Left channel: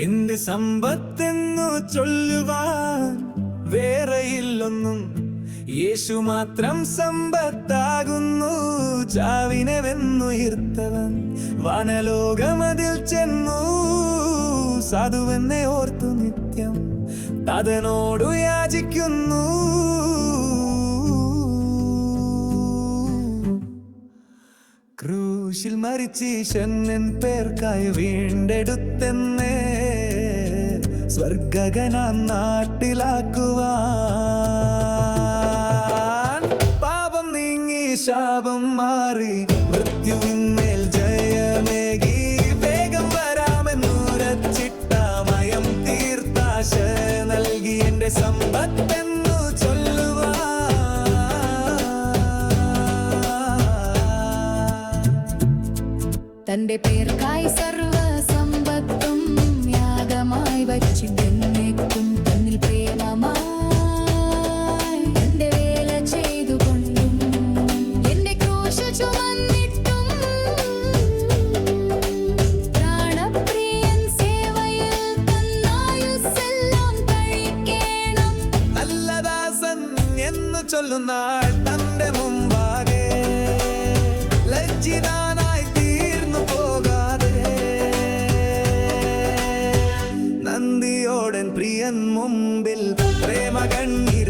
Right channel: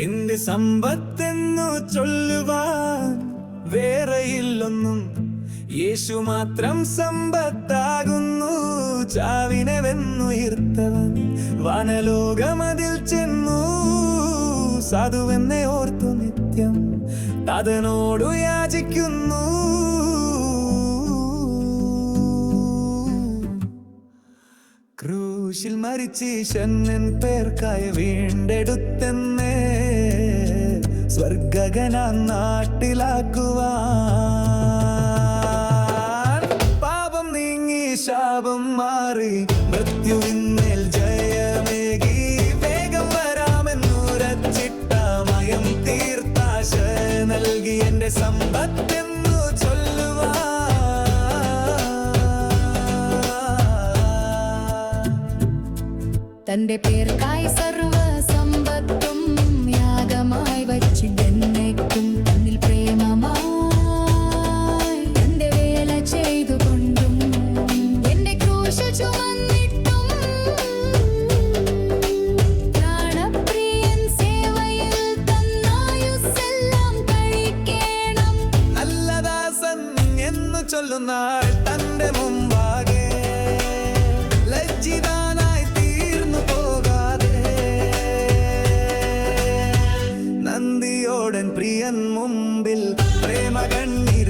എന്റെ സമ്പത്തെന്നു ചൊല്ലുവാൻ വേറെയില്ലൊന്നും. യേശു മാത്രം സമ്പത്താകുന്നു ചാവിനെ വെന്നുയർത്തവൻ വനലോകമതിൽ ചെന്നു സാധുവെന്നെ ഓർത്തു നിത്യം. തതനോടു യാചിക്കുന്നു. ക്രൂശിൽ മരിച്ചീശൻ പേർക്കായി വീണ്ടെടുത്തെന്നേ സ്വർഗഗന നാട്ടിലാക്കുവാൻ. പാപം നീങ്ങി ശാപം മാറി മൃത്യുവിന്മേൽ ജയമേകി. വേഗം വരാമെന്നുരച്ചിട്ടമയം തീർത്താശ നൽകി എന്റെ സമ്പത്തെന്നു ചൊല്ലുവാൻ. തന്റെ പേർക്കായി സർവ സമ്പത്തും യാഗമായി വച്ചിട്ടെന്നേക്കും തന്നിൽ പ്രേമമായി എന്റെ വേല ചെയ്തുകൊണ്ടും എന്റെ ക്രൂശ ചുമന്നിട്ടും പ്രാണപ്രിയൻ സേവയിൽ തന്നായുസ്സെല്ലാം കഴിക്കേണം. നല്ലദാസൻ എന്ന് ചൊല്ലുന്നാൾ തന്റെ മുമ്പാകെ. ലജ്ജിതാനായി നന്ദിയോടൻ പ്രിയൻ മുമ്പിൽ പ്രേമ കണ്ണീർ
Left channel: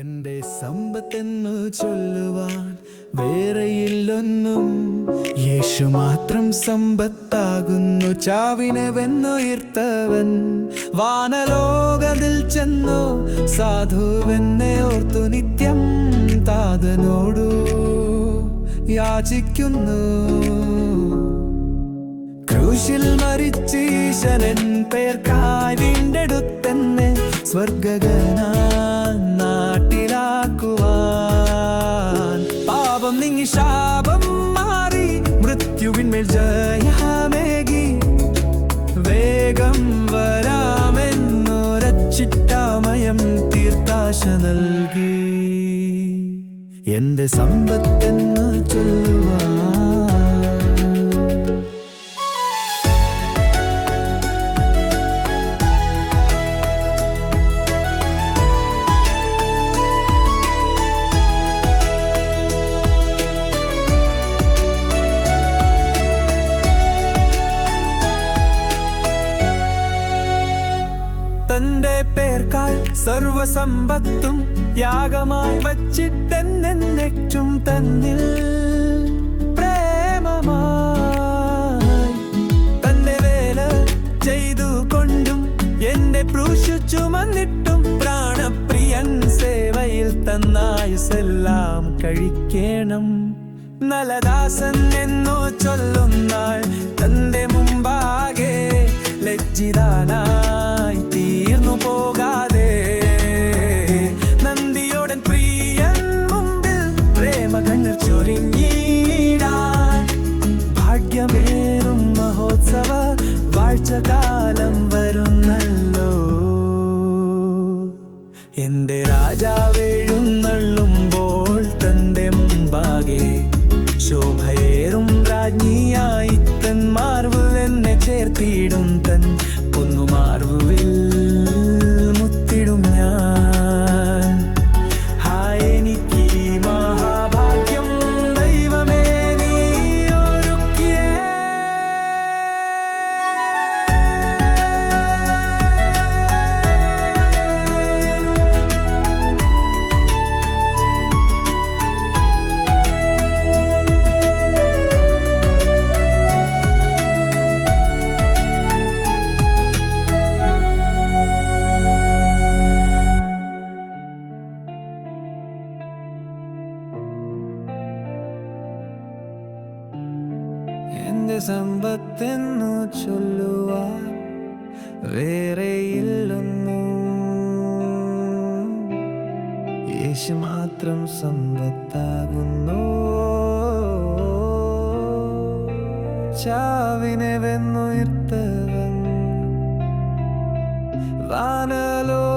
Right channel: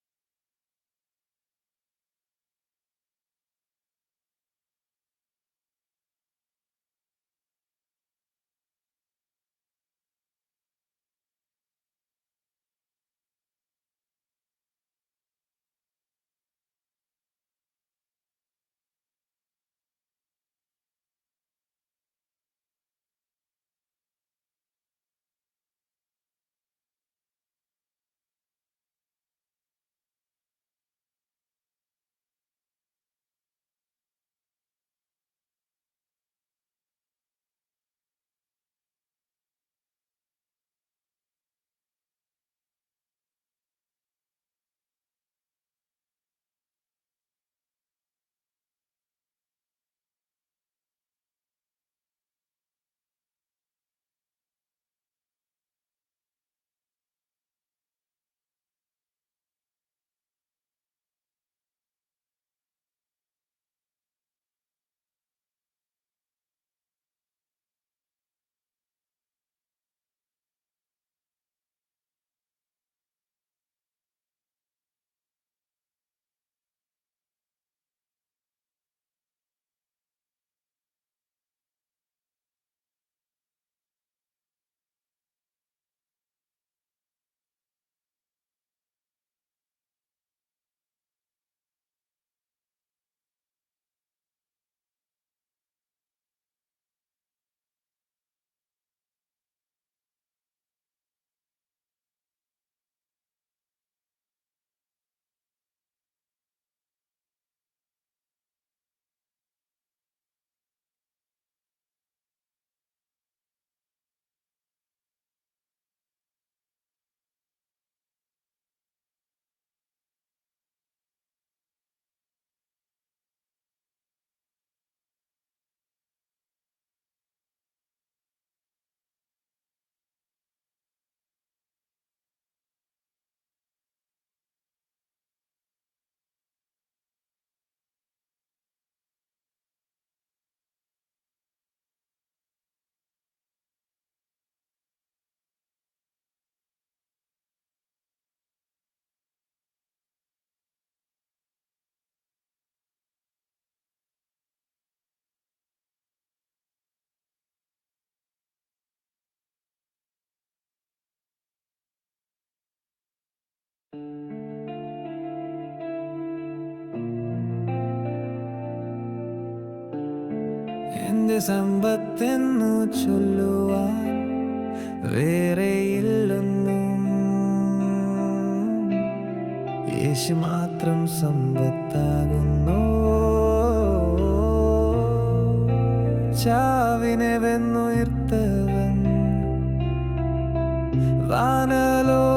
എന്റെ സമ്പത്തെന്നു ചൊല്ലുവാൻ വേറെയില്ലൊന്നും. യേശു മാത്രം സമ്പത്താകുന്നു ചാവിനെ വെന്നുയർത്തവൻ വാനലോകതിൽ ചെന്നു സാധുവെന്നെ ഓർത്തു നിത്യം താതനോടു യാചിക്കുന്നു. ക്രൂശിൽ മരിച്ചീശനൻ പേർ വീണ്ടെടുത്തെന്നെ അടുത്തെന്നെ നാട്ടിലാക്കുവാൻ നീങ്ങി ശാപം മാറി മൃത്യുവിന്മേൽ ജയമേകി വേഗം വരാമെന്നൊരച്ചിട്ടാമയം തീർത്താശ നൽകി. എന്റെ സമ്പത്തെന്ന് ചൊല്ലുവാൻ സർവസമ്പത്തും യാഗമായി വച്ചിട്ടെന്നെറ്റും തന്നിൽ പ്രേമമായി. തന്റെ വേല ചെയ്തു കൊണ്ടും എന്റെ പ്രൂശു ചുമന്നിട്ടും പ്രാണപ്രിയൻ സേവയിൽ തന്നായുസെല്ലാം കഴിക്കേണം. നലദാസൻ എന്നോ ചൊല്ലുന്നാൾ തന്റെ മുമ്പാകെ ലജ്ജിതാനായി തീർന്നു പോകാതെ നിന്റെ സമ്പത്തെന്നു ചൊല്ലുവാൻ വേറെയില്ലൊന്നും. യേശു മാത്രം സമ്പത്താകുന്നു. ചാവിനെ വെന്നുയർത്തവൻ. വാനലോ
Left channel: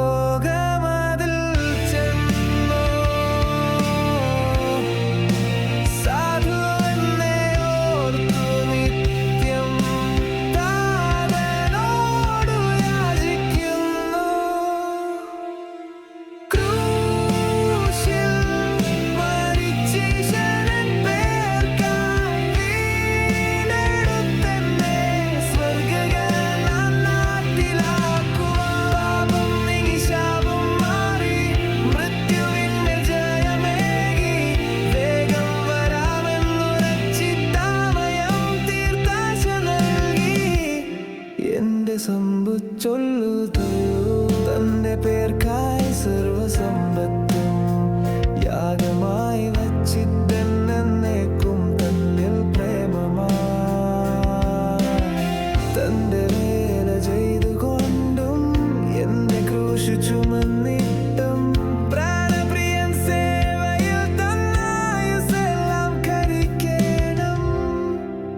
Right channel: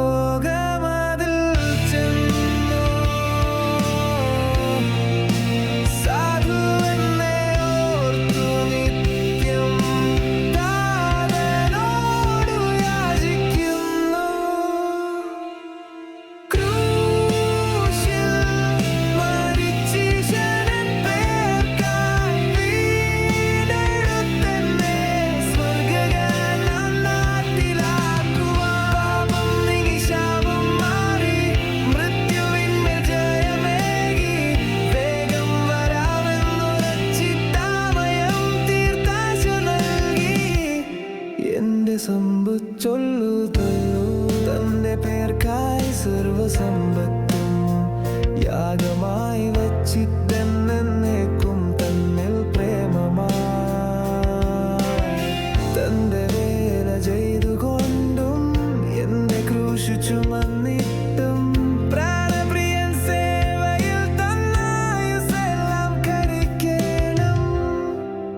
കിട്ടും. പ്രാണപ്രിയൻ സേവയിൽ തന്നായുസെല്ലാം കരിക്കേണം.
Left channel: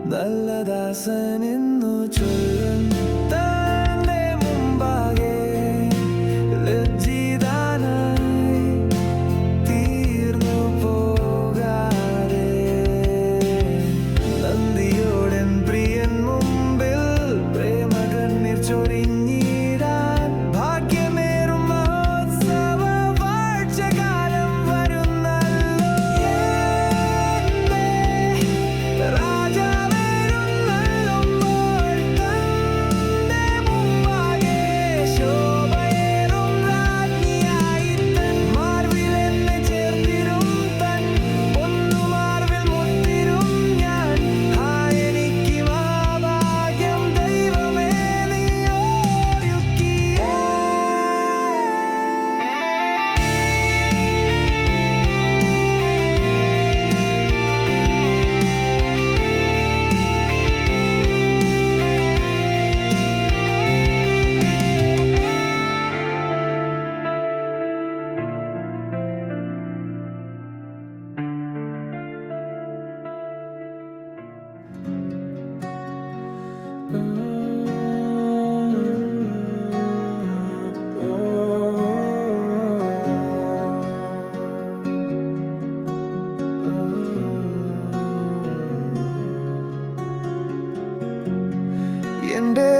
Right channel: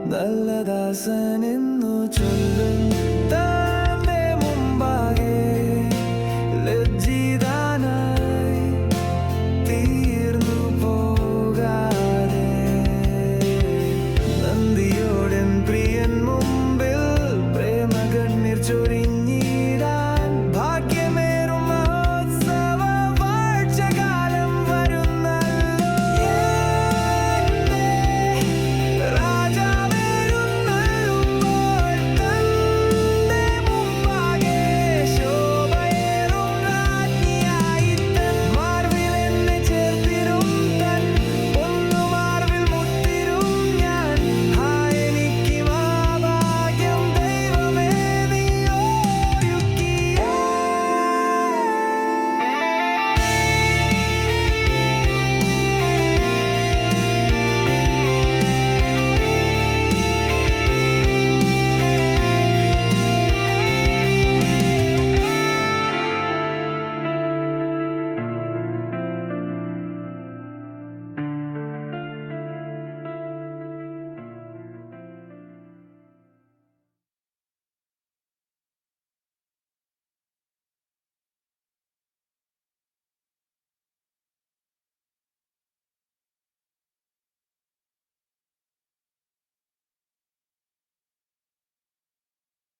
നല്ലദാസൻ എന്നു ചൊല്ലും.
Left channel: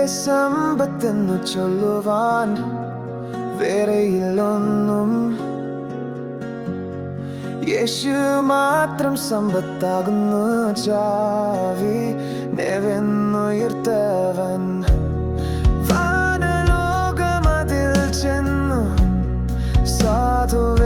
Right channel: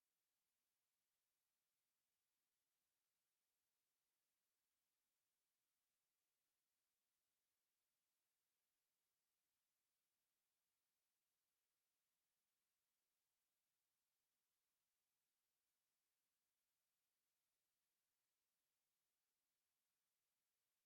സമ്പത്തെന്നു ചൊല്ലുവാൻ വേറെയില്ലൊന്നും. യേശു മാത്രം സമ്പത്താകുന്നു ചാവി നെവെന്നുയർത്തവൻ. വാനലോകമതിൽ ചെന്നു സാധുവ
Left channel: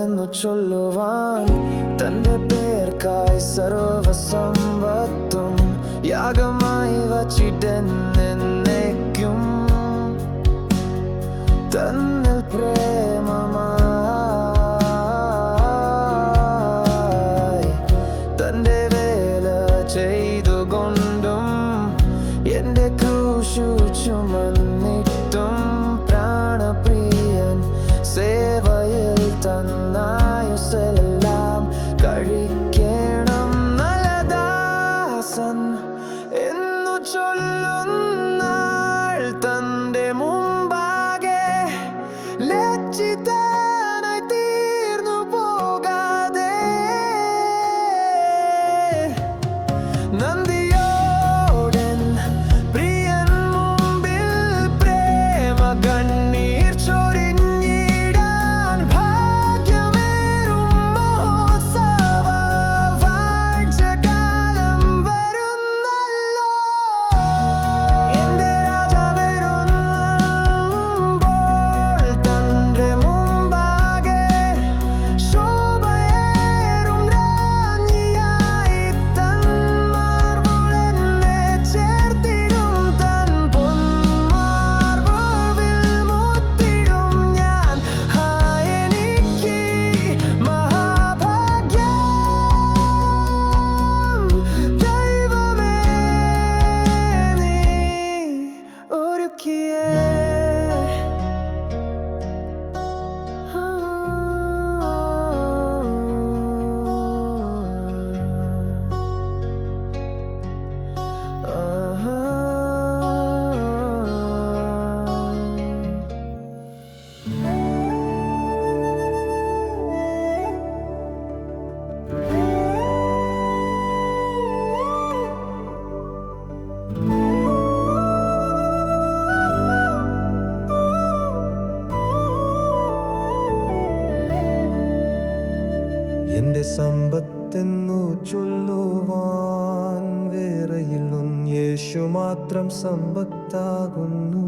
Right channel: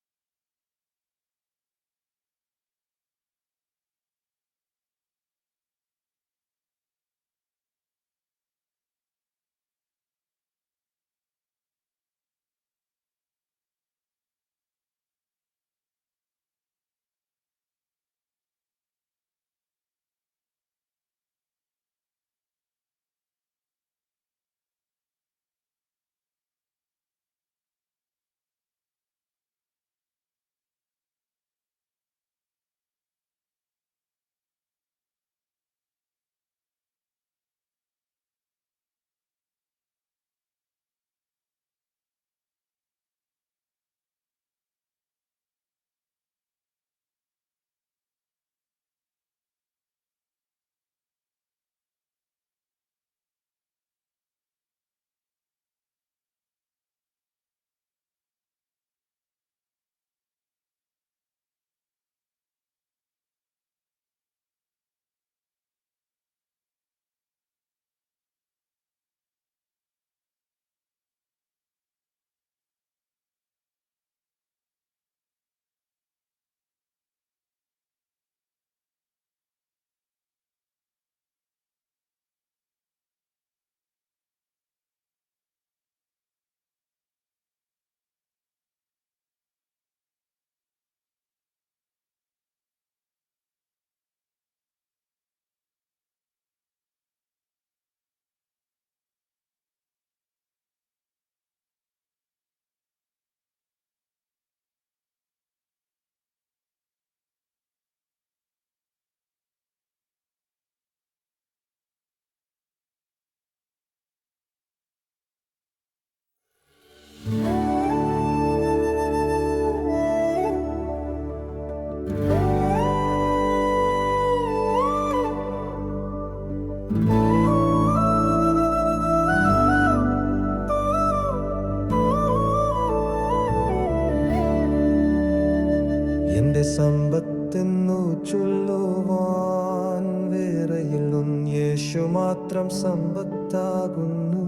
tenno ciò lo van, tende perca e sarò. മാത്രം സമ്പത്താകുന്നു.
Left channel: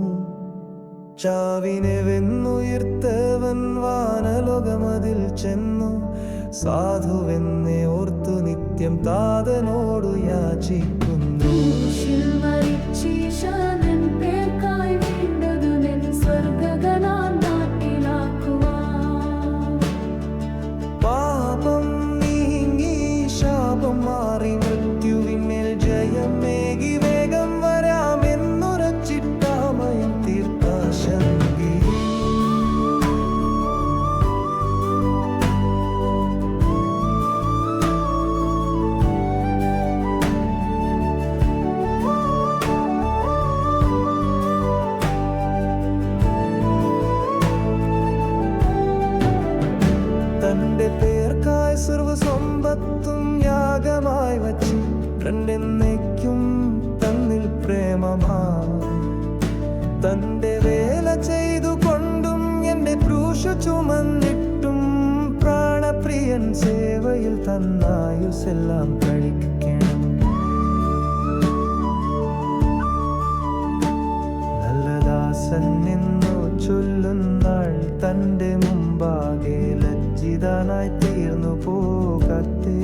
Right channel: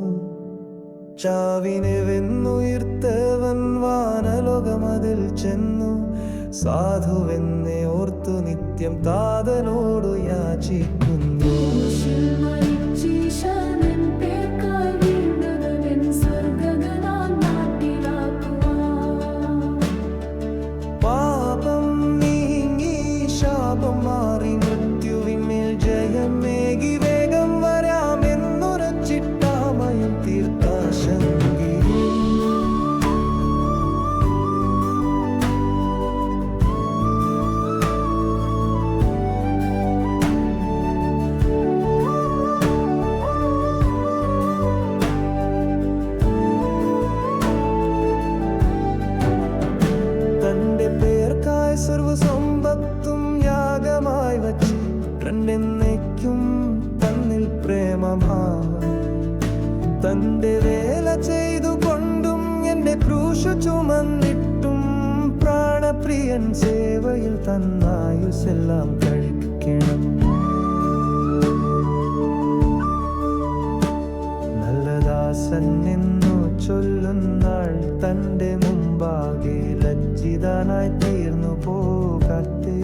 ചാവിനെ വെന്നുയർത്തവൻ വാനലോകമതിൽ ചെന്നു. സാധുവെന്നെ ഓർത്തു നിത്യം താതനോടു യാചിക്കുന്നു. പാപം നീങ്ങി ശാപം മാറി മൃത്യുവിന്മേൽ ജയമേകി സർവസമ്പത്തും യാഗമായി വച്ച് രണ്ടെന്നേക്കും തന്നിൽ പ്രേമമായി തന്റെ വേല ചെയ്തു കൊണ്ടും എന്റെ ക്രൂശു ചുമന്നിട്ടും പ്രാണപ്രിയൻ സേവയിൽ തന്നായുസെല്ലാം കഴിക്കണം. നല്ലദാസൻ നിന്നു ചൊല്ലുന്നാൾ തന്റെ മുമ്പാകെ ലജ്ജിതനായി തീർന്നു പോകത്തെ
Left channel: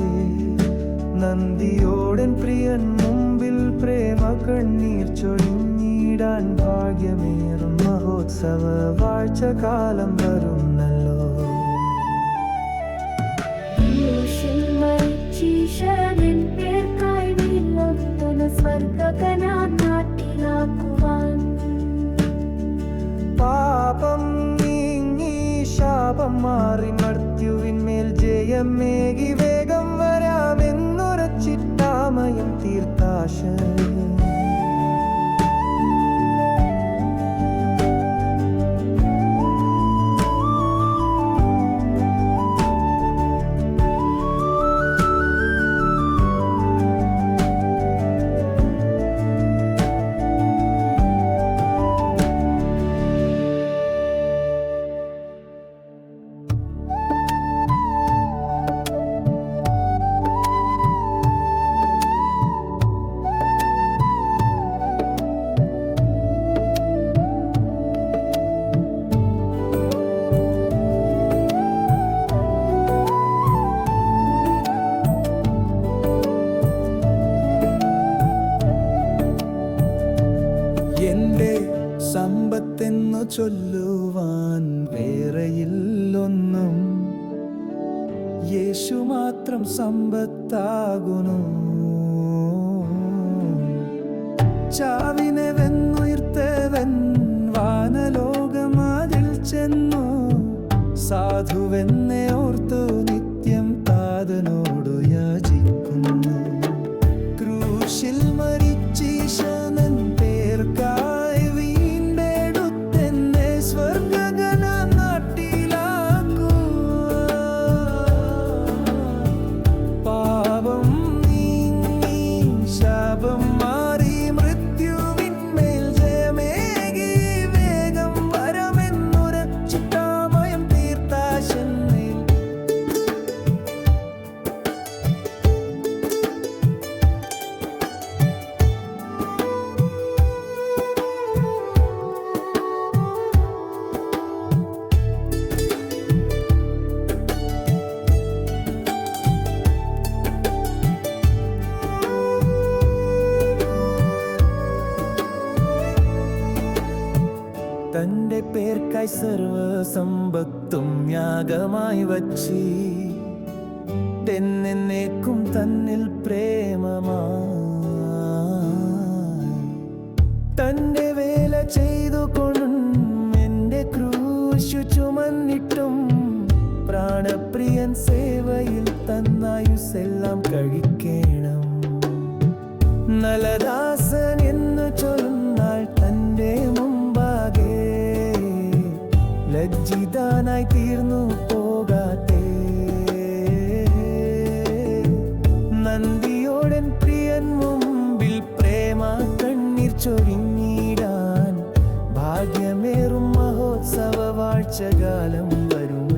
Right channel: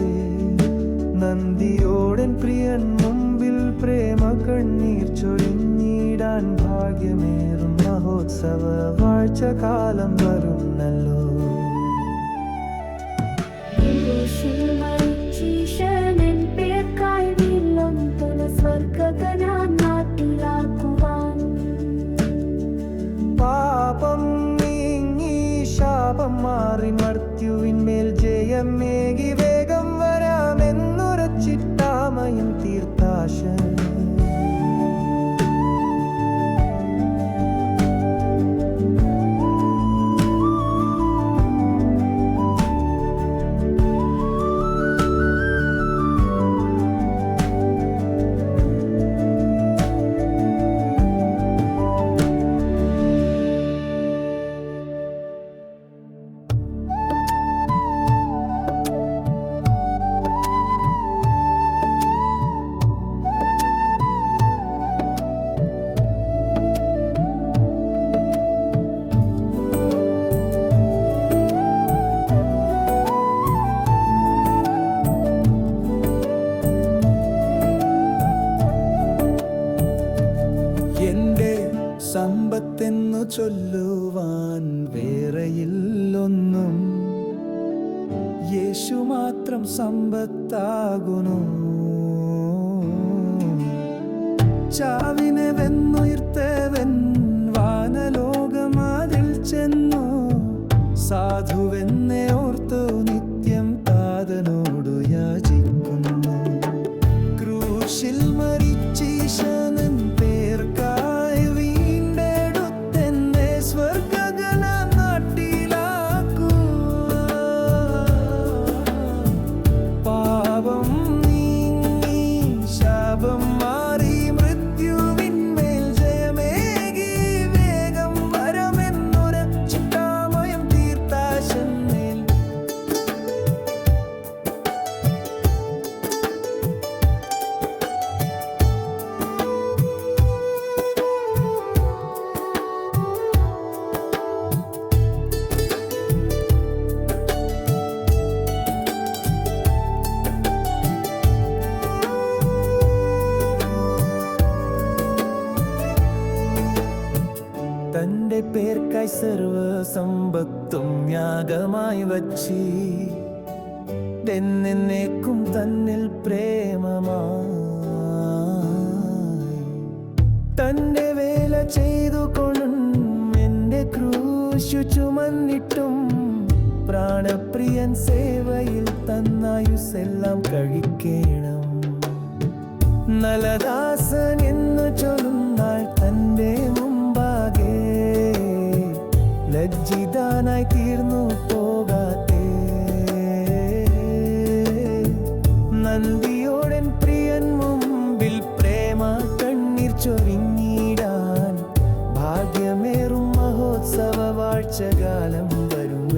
നന്ദിയോടൻ പ്രിയൻ മുമ്പിൽ പ്രേമ കണ്ണീർ ചൊരിഞ്ഞിടാൻ ഭാഗ്യമേറും. മഹോത്സവ വാഴ്ച കാലം വരുന്നല്ലോ. നല്ലോ പാപം ശാപം മാറി മർത്യുവിന്മേൽ ജയമേകി വേഗം വരാമെന്നുറച്ചിട്ടാമയം തീർത്താശ ചൊല്ലുവാൻ വേറെയില്ലൊന്നും. യേശു മാത്രം സമ്പത്താകുന്നു. ചാവിനെ വെന്നുയർത്തവൻ വാനലോകമാതിൽ ചെന്നു. സാധുവെന്നെ ഓർത്തു നിത്യം താതനോടു യാചിക്കുന്നു. ക്രൂശിൽ മരിച്ചീശനൻ പേർക്കായി പേർക്കായി സർവസമ്പത്തും യാഗമായി വച്ചി. എന്നേക്കും തന്നിൽ പ്രേമമായി. തന്റെ വേല ചെയ്തു കൊണ്ടും എന്റെ ക്രൂശു ചുമന്നിട്ടും പ്രാണപ്രിയൻ സേവയിൽ തന്നായുസെല്ലാം കഴിക്കണം. നലദാസൻ എന്ന് ചൊല്ലുന്നാൾ തന്റെ മുമ്പാകെ ലജ്ജിതാനായി തീർന്നു പോകാത്തെ. നന്ദിയോടൻ പ്രിയൻ മുമ്പിൽ പ്രേമ കണ്ണീർ ചൊരിഞ്ഞിടാൻ. ഭാഗ്യമേറും മഹോത്സവ വാഴ്ചകാലം വരും.